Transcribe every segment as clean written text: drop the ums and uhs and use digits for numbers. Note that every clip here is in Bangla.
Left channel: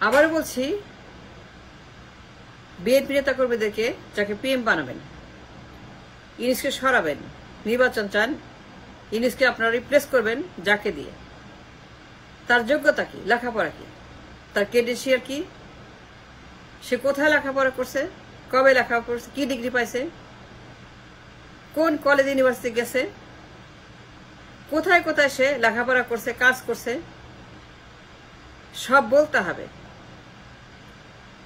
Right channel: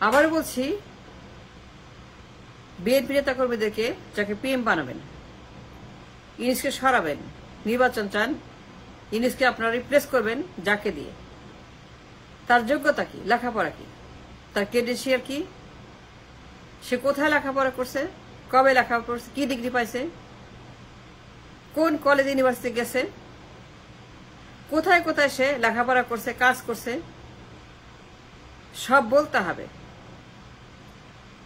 আবার বলছি, বিএনপি নেতা কর্মীদেরকে যাকে পিএম বানাবেন, ইউনুসকে সরাবেন, নির্বাচন চান, ইউনুসকে আপনারা রিপ্লেস করবেন যাকে দিয়ে, তার যোগ্যতা কি, লেখাপড়া কি, তার ক্রেডেনশিয়াল কি, সে কোথায় লেখাপড়া করছে, কবে লেখাপড়া করছে, কি ডিগ্রি পাইছে, কোন কলেজ ইউনিভার্সিটি গেছে, কোথায় কোথায় সে লেখাপড়া করছে, কাজ করছে, সব বলতে হবে।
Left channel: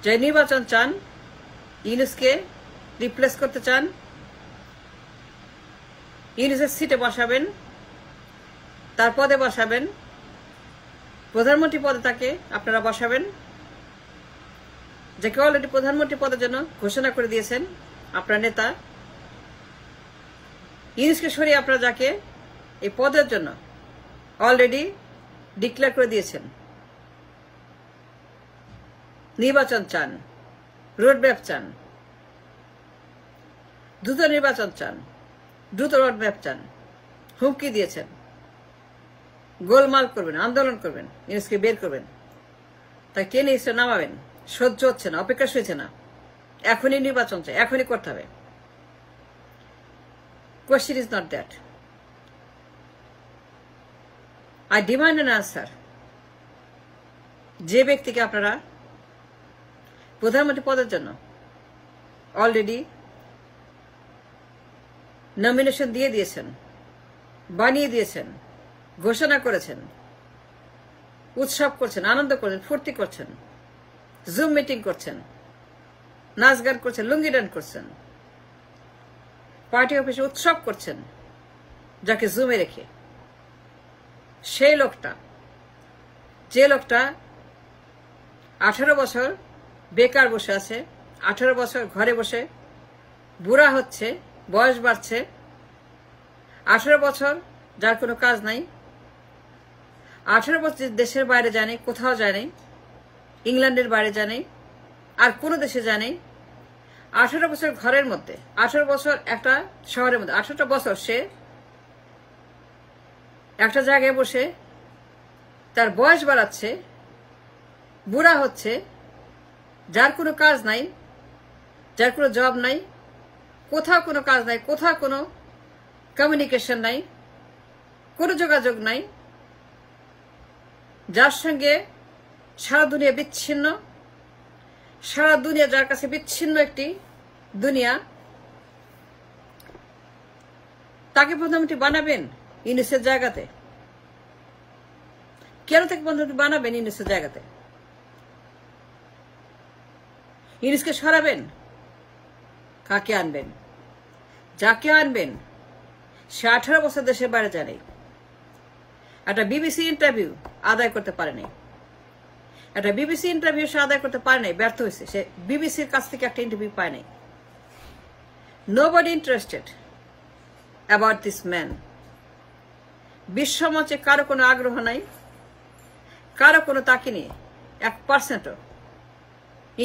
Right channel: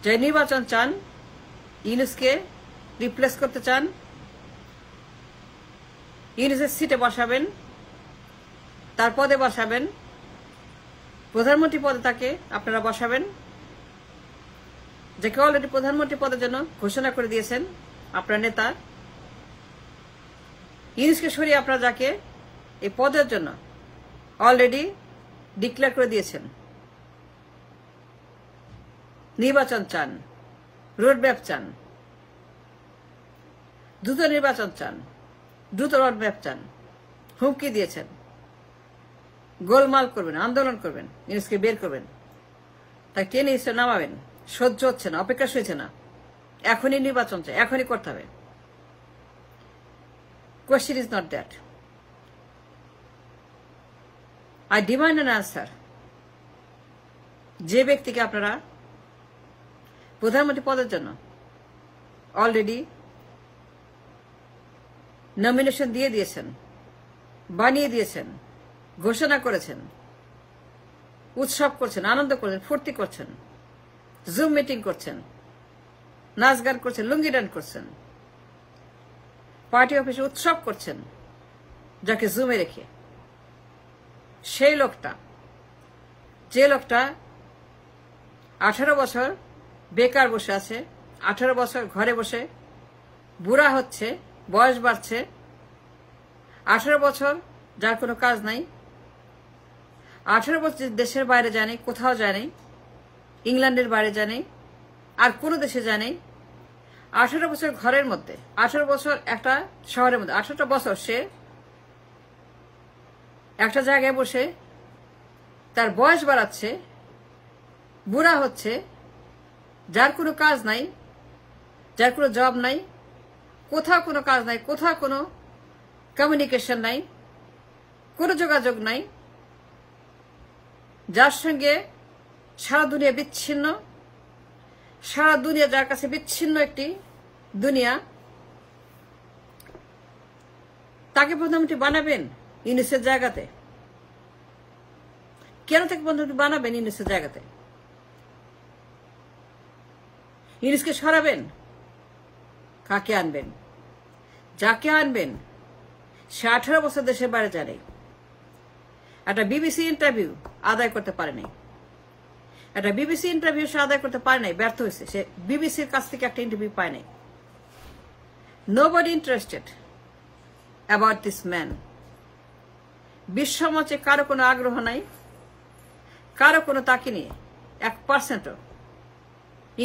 যে নির্বাচন চান, ইউনুসকে রিপ্লেস করতে চান, ইউনুসের সিটে বসাবেন, তার পদে বসাবেন, প্রধানমন্ত্রী পদে তাকে আপনারা বসাবেন, যাকে অলরেডি প্রধানমন্ত্রী পদের জন্য ঘোষণা করে দিয়েছেন আপনার নেতা। ইউনুসকে সরিয়ে আপনারা যাকে এই পদের জন্য অলরেডি ডিক্লেয়ার করে দিয়েছেন। নির্বাচন চান, রোডম্যাপ চান, দ্রুত নির্বাচন চান, দ্রুত রোডম্যাপ চান, হুমকি দিয়েছেন, গোলমাল করবেন, আন্দোলন করবেন, ইউনুসকে বের করবেন। তাই কে নিশ্চয় নামাবেন, সহ্য হচ্ছে না, অপেক্ষা সইছে না, এখনই নির্বাচন চাই, এখনই করতে হবে। Question is not that. I demand an answer. যে ব্যক্তিকে আপনারা প্রধানমন্ত্রী পদের জন্য অলরেডি নমিনেশন দিয়ে দিয়েছেন, বানিয়ে দিয়েছেন, ঘোষণা করেছেন, উৎসব করছেন, আনন্দ করছেন, ফুর্তি করছেন, জুম মিটিং করছেন, নাচ গান করছেন, লুঙ্গি ডান করছেন, পার্টি অফিসে উৎসব করছেন, যাকে জুমে রেখে, সেই লোকটা, যে লোকটা 18 বছর বেকার বসে আছে, 18 বছর ঘরে বসে বুড়া হচ্ছে, বয়স বাড়ছে, 18 বছর যার কোনো কাজ নাই, 18 বছর দেশের বাইরে জানে, কোথাও জানে, ইংল্যান্ডের বাইরে জানে, আর কোনো দেশে জানে, 18 বছর ঘরের মধ্যে, 18 বছর একটা শহরের মধ্যে, 18টা বছর সে একটা জায়গায় বসে তার বয়স বাড়াচ্ছে, বুড়া হচ্ছে, যার কোনো কাজ নাই, যার কোনো জব নাই, কোথাও কোনো কাজ নাই, কোথাও কোনো কমিউনিকেশন নাই, কোনো যোগাযোগ নাই, যার সঙ্গে সারা দুনিয়া বিচ্ছিন্ন, সারা দুনিয়া যার কাছে বিচ্ছিন্ন একটি দুনিয়া, তাকে প্রধানমন্ত্রী বানাবেন ইউনুসের জায়গাতে? কেন তাকে প্রধানমন্ত্রী বানাবেন ইউনুসের জায়গাতে? ইউনুসকে সরাবেন? কাকে আনবেন? যাকে আনবেন সে 18 বছর দেশের বাইরে জানে, একটা বিবিসি ইন্টারভিউ আদায় করতে পারেনি, একটা বিবিসি ইন্টারভিউ সে আদায় করতে পারে নাই, ব্যর্থ হয়েছে, সে বিবিসির কাছ থেকে একটা ইন্টারভিউ পায় নাই। Nobody interested about this man. বিশ্বমঞ্চে কারো কোনো আগ্রহ নাই, কারো কোনো তাকে নিয়ে 1%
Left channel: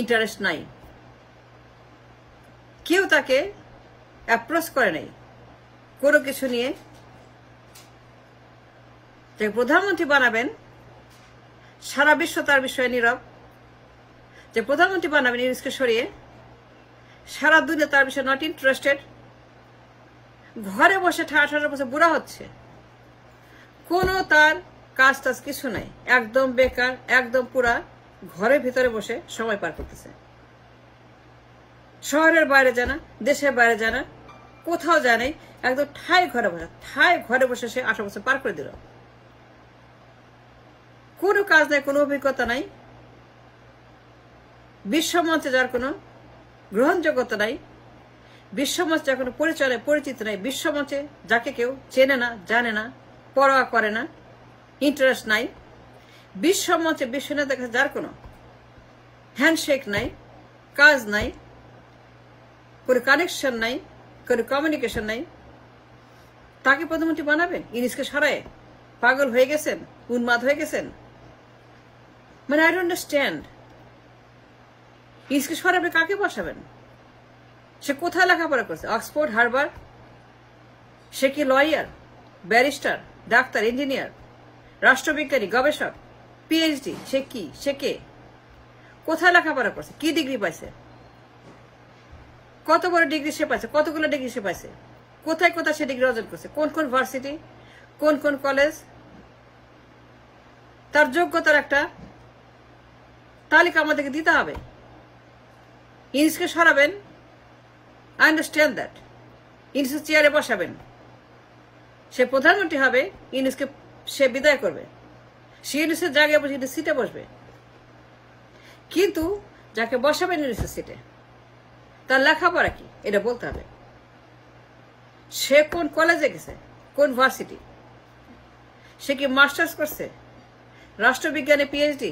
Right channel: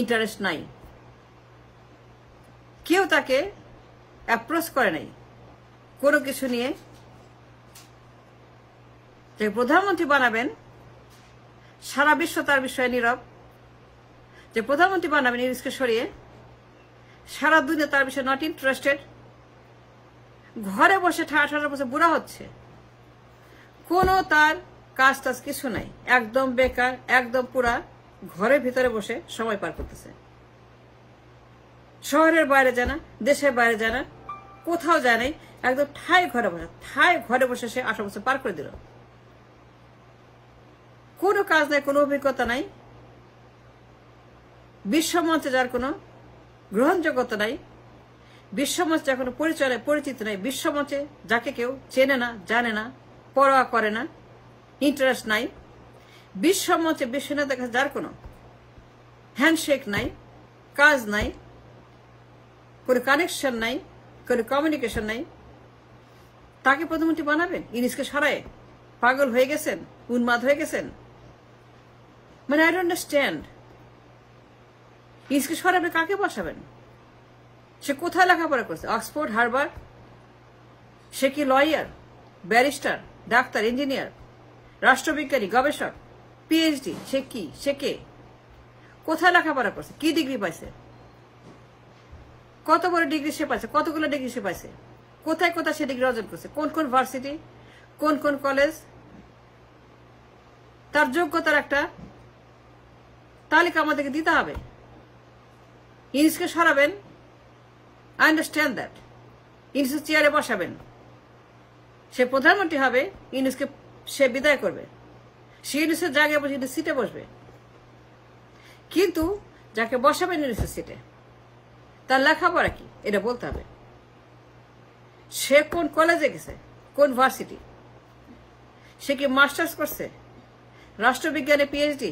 ইন্টারেস্ট নাই, কেউ তাকে অ্যাপ্রোচ করে নাই কোনো কিছু নিয়ে। যে প্রধানমন্ত্রী বানাবেন সারা বিশ্ব তার বিষয়ে নীরব, যে প্রধানমন্ত্রী বানাবেন ইউনুসকে সরিয়ে সারা দুনিয়া তার বিষয়ে নট ইন্টারেস্টেড। ঘরে বসে 18 বছর বুড়া হচ্ছে, কোনো তার কাজ টাজ কিছু নাই, একদম বেকার, একদম পুরা ঘরের ভিতরে বসে সময় পার করতেছে। শহরের বাইরে জানা, দেশের বাইরে জানা, কোথাও জানে, একদম ঠায় ঘরে বসে সে 18 বছর পার করে দিল। কোনো কাজ নাই, কোনো অভিজ্ঞতা নাই, বিশ্বমঞ্চে যার কোনো গ্রহণযোগ্যতা নাই, বিশ্বমঞ্চে যার কোনো পরিচিত নাই, বিশ্বমঞ্চে যাকে কেউ চেনে না, জানে না, পরোয়া করে না, ইন্টারেস্ট নাই, বিশ্বমঞ্চে বিশ্ব নেতার কাছে যার কোনো হ্যান্ডশেক নাই, কাজ নাই, কোনো কানেকশন নাই, কোনো কমিউনিকেশন নাই, তাকে প্রধানমন্ত্রী বানাবেন? ইউনুসকে সরায় পাগল হয়ে গেছেন, উন্মাদ হয়ে গেছেন? মানে আই ডোন্ট আন্ডারস্ট্যান্ড। ইউনুসকে সরাবে, কাকে বসাবেন? সে কোথায় লেখাপড়া করছে? Oxford, Harvard? সে কি লয়ার, ব্যারিস্টার, ডাক্তার, ইঞ্জিনিয়ার, রাষ্ট্রবিজ্ঞানী, গবেষক, পিএইচডি? সে কি? সে কে? কোথায় লেখাপড়া করছে, কি ডিগ্রি পাইছে, কত বড় ডিগ্রি সে পাইছে, কতগুলো ডিগ্রি সে পাইছে, কোথায় কোথায় সে ডিগ্রি অর্জন করছে, কোন কোন ভার্সিটি, কোন কোন কলেজ, তার যোগ্যতার একটা তালিকা আমাদেরকে দিতে হবে। ইউনুসকে সরাবেন, আই আন্ডারস্ট্যান্ড দ্যাট। ইউনুসের চেয়ারে বসাবেন, সে প্রধানমন্ত্রী হবে, ইউনুসকে সে বিদায় করবে, সে ইউনুসের জায়গায় বসে ইউনুস সিটে বসবে। কিন্তু যাকে বসাবেন ইউনুসের সিটে তার লেখাপড়া কি এটা বলতে হবে। সে কোন কলেজে গেছে, কোন ভার্সিটি, সে কি মাস্টার্স করছে, রাষ্ট্রবিজ্ঞানে পিএইচডি,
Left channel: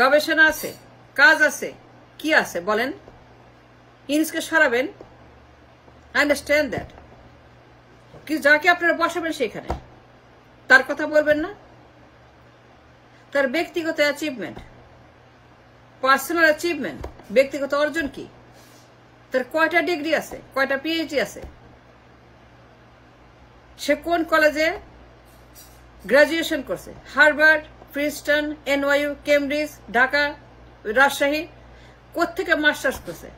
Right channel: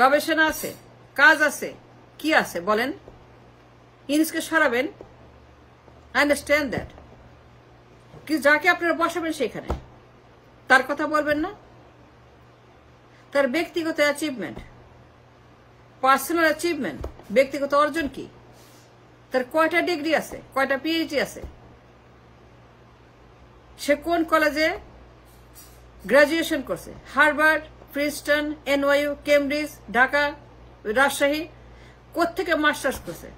গবেষণা আছে, কাজ আছে, কি আছে বলেন। ইউনুসকে সরাবেন, আন্ডারস্ট্যান্ড দ্যাট। কিন্তু যাকে আপনারা বসাবেন সেখানে তার কথা বলবেন না। তার ব্যক্তিগত অ্যাচিভমেন্ট, পার্সোনাল অ্যাচিভমেন্ট, ব্যক্তিগত অর্জন কি, তার কয়টা ডিগ্রি আছে, কয়টা পিএইচডি আছে, সে কোন কলেজে গ্রাজুয়েশন করছে, Harvard, Princeton, NYU, Cambridge, Dhaka, Rajshahi, কোত্থেকে মাস্টার্স করছে,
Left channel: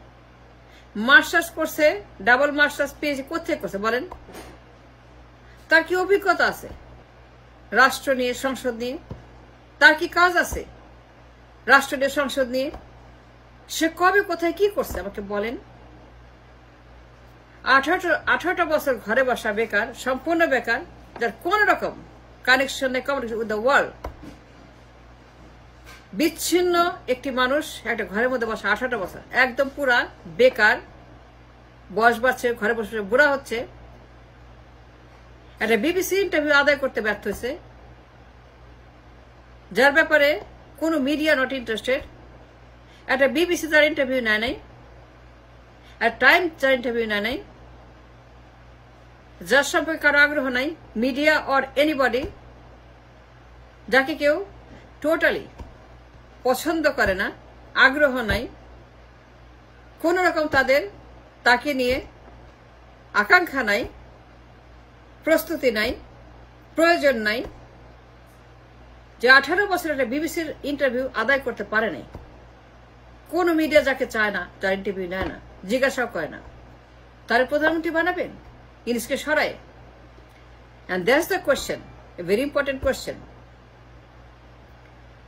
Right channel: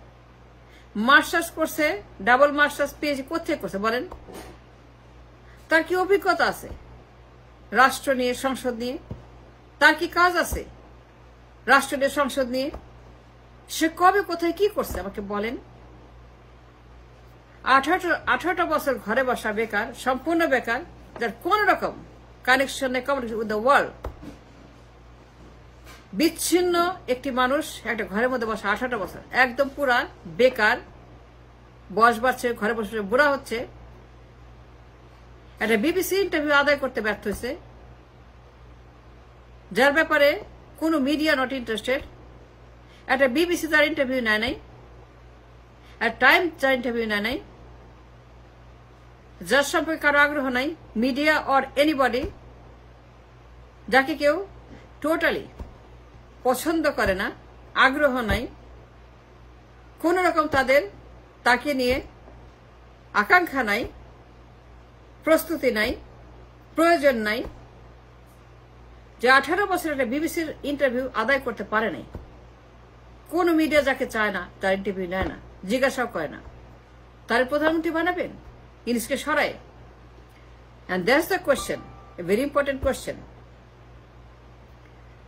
মাস্টার্স করছে, ডাবল মাস্টার্স, পিএইচডি কোত্থেকে করছে বলেন। তার কি অভিজ্ঞতা আছে রাষ্ট্র নিয়ে, সংসদ নিয়ে, তার কি কাজ আছে রাষ্ট্র নিয়ে, সংসদ নিয়ে, সে কবে কোথায় কি করছে আমাকে বলেন। 18টা বছর ঘরে বসা বেকার, সম্পূর্ণ বেকার, যার কোন রকম কানেকশন নেই কমিউনিকেশন উইথ দ্য ওয়ার্ল্ড, বিচ্ছিন্ন একটি মানুষ একটা ঘরের মধ্যে বসা 18টা বছর, একদম পুরা বেকার, বয়স বাড়ছে, ঘরে বসে বুড়া হচ্ছে, একটা বিবিসি ইন্টারভিউ আদায় করতে ব্যর্থ হয়েছে, যার ব্যাপারে কোনো মিডিয়া নট ইন্টারেস্টেড, একটা বিবিসি তার ইন্টারভিউ নেয় নাই, একটা টাইম তার ইন্টারভিউ নেয় নাই, যার সম্পর্কে কারো আগ্রহ নাই, মিডিয়া অর এনিবডি, যাকে কেউ টোটালি পছন্দ করে না, আগ্রহ নাই, কোন রকম তাকে নিয়ে আকাঙ্ক্ষা নাই, প্রস্তুতি নাই, প্রয়োজন নাই, যে 18 বছরের একটা বিবিসির ইন্টারভিউ আদায় করতে পারে নাই। কোন মিডিয়া যাকে চায় না তার ইন্টারভিউ নেয় না, জিজ্ঞাসাও করে না, তার প্রধানমন্ত্রী বানাবেন ইউনুসকে সরায়। And that's the question, a very important question.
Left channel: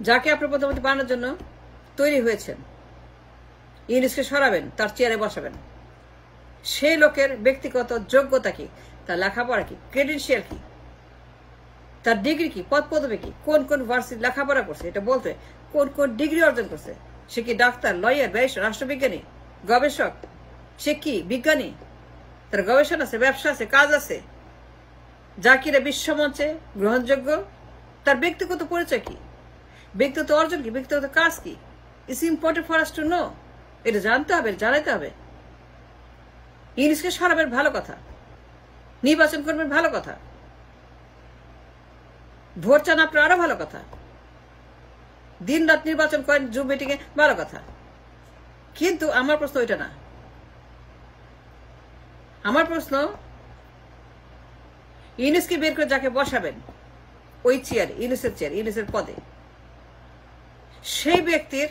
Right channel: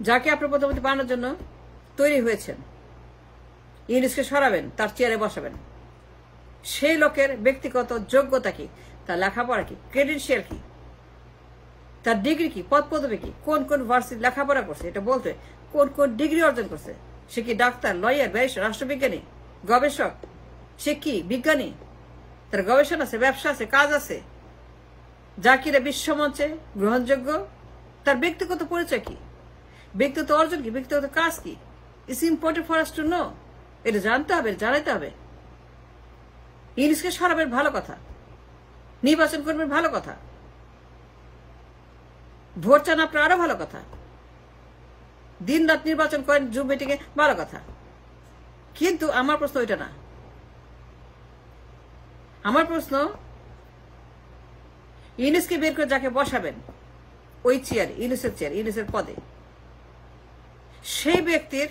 যাকে আপনার প্রধানমন্ত্রী বানানোর জন্য তৈরি হয়েছেন, ইউনুসকে সরাবেন, তার চেয়ারে বসাবেন। সেই লোকের ব্যক্তিগত যোগ্যতা কি, তার লেখাপড়া কি, ক্রেডেনশিয়াল কি, তার ডিগ্রি কি, পদ পদবি কি, কোন কোন ভার্সিটি লেখাপড়া করছে এটা বলতে, কোন কোন ডিগ্রি অর্জন করছে, সে কি ডাক্তার, লয়ার, ব্যারিস্টার, রাষ্ট্রবিজ্ঞানী, গবেষক, সে কি বিজ্ঞানী, তার গবেষণা আছে, ব্যবসা আছে, কাজ আছে, যা কিনা বিশ্বমঞ্চে গ্রহণযোগ্য, তার ব্যক্তিগত পরিচয় কি, ব্যক্তিগত অর্জন কি, ব্যক্তিগত কাজ কি, it's important for us to know. এটা জানতে হবে, জানাতে হবে। ইউনুসকে সরাবেন ভালো কথা, নির্বাচন করবেন ভালো কথা, ভোট চান আপনার আরো ভালো কথা, দিন রাত নির্বাচন করেন জুম মিটিং এ ভালো কথা। কিন্তু আমার প্রশ্ন ওইটা না। আমার প্রশ্ন, ইউনুসকে বের করে যাকে বসাবেন ওই চেয়ার, ইউনুসের চেয়ার, ইউনুসের পদে, সেই ব্যক্তির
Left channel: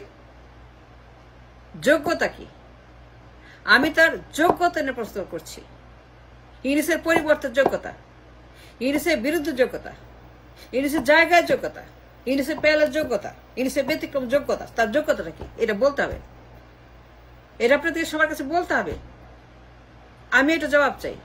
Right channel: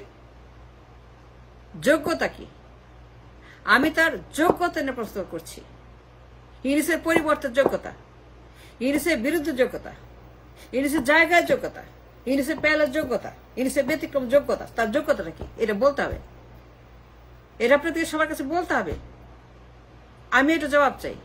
যোগ্যতা কি? আমি তার যোগ্যতা নিয়ে প্রশ্ন করছি। ইউনুসের পরিবর্তন যোগ্যতা, ইউনুসের বিরুদ্ধে যোগ্যতা, ইউনুসের জায়গায় যোগ্যতা, ইউনুসের প্যালের যোগ্যতা, ইউনুসের ব্যতিক্রম যোগ্যতা, তার যোগ্যতাটা কি এটা বলতে হবে। এটা আপনাদের সবার কাছে বলতে হবে। আমি এটা জবাব চাই।